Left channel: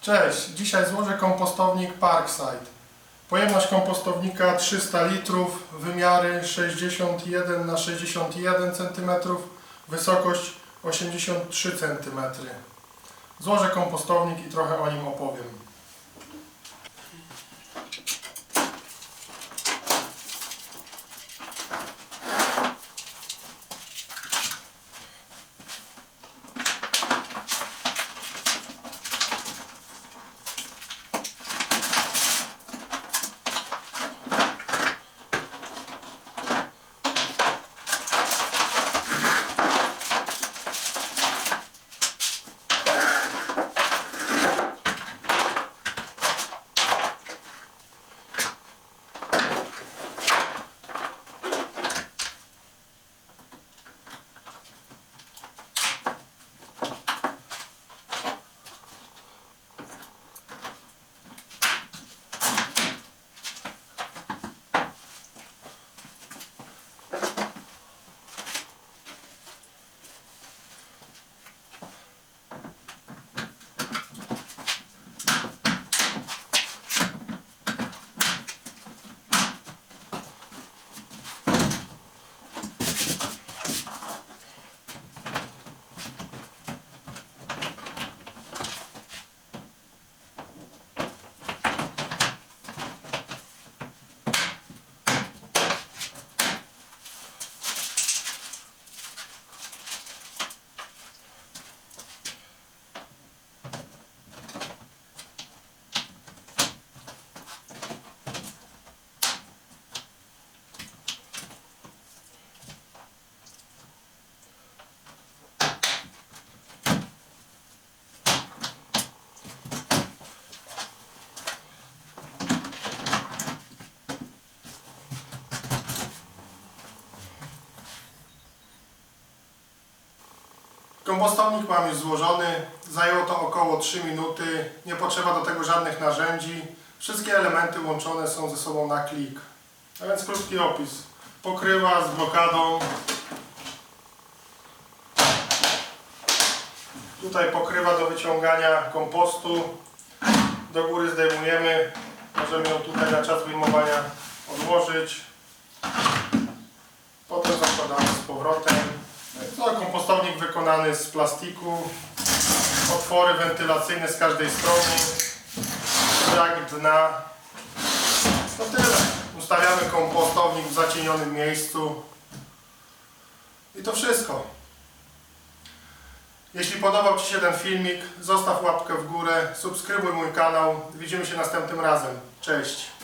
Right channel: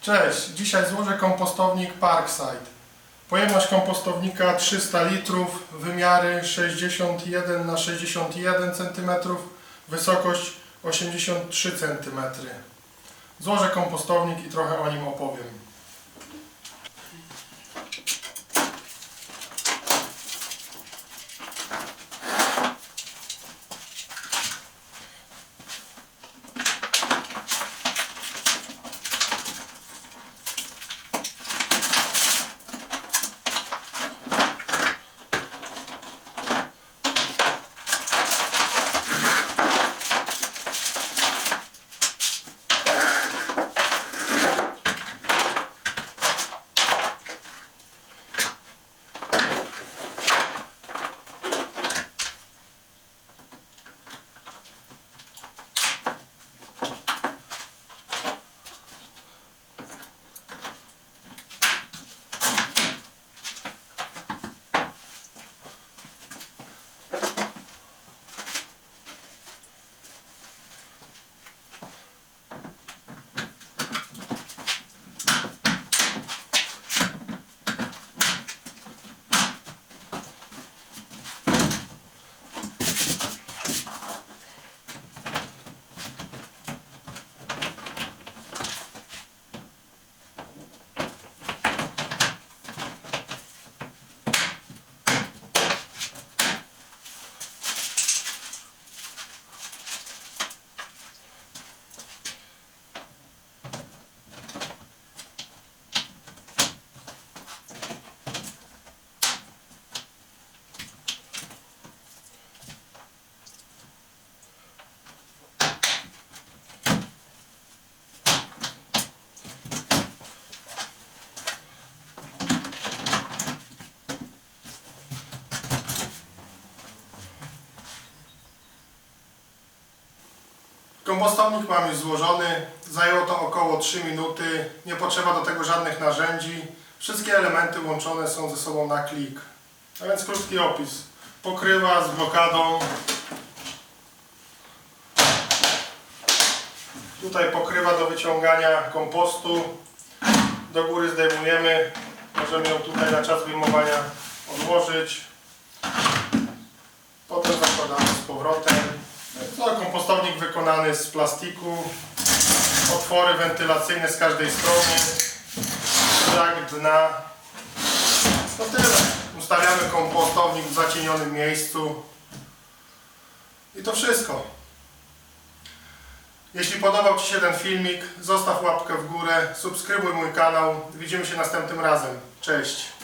Cześć, dzisiaj złożę kompostownik Parkside. Pojemność kompostownika 300 litrów, wymiary 61 x 61 cm, wysokość 83 cm. Złożę kompostownik i trochę o nim opowiem. Kompostownik mam już złożony, zajęło to około 3 minuty, nie potrzeba do tego żadnych narzędzi, wszystkie elementy łączone są ze sobą na klik. A więc krótki opis. Pokrywa z blokadą. Tutaj pokrywa do wyciągania kompostu. Do góry zdejmujemy, możemy ją tutaj na czas wyjmowania odłożyć. Potem zakładamy z powrotem. To kompostownik wykonany z plastiku, otwory wentylacyjne z każdej strony, brak dna. To tyle. Ustawiamy kompostownik w zacienionym miejscu i to wszystko. Jeśli podobał Ci się ten filmik, zostaw łapkę w górę, subskrybuj mój kanał. Widzimy się następnym razem. Cześć!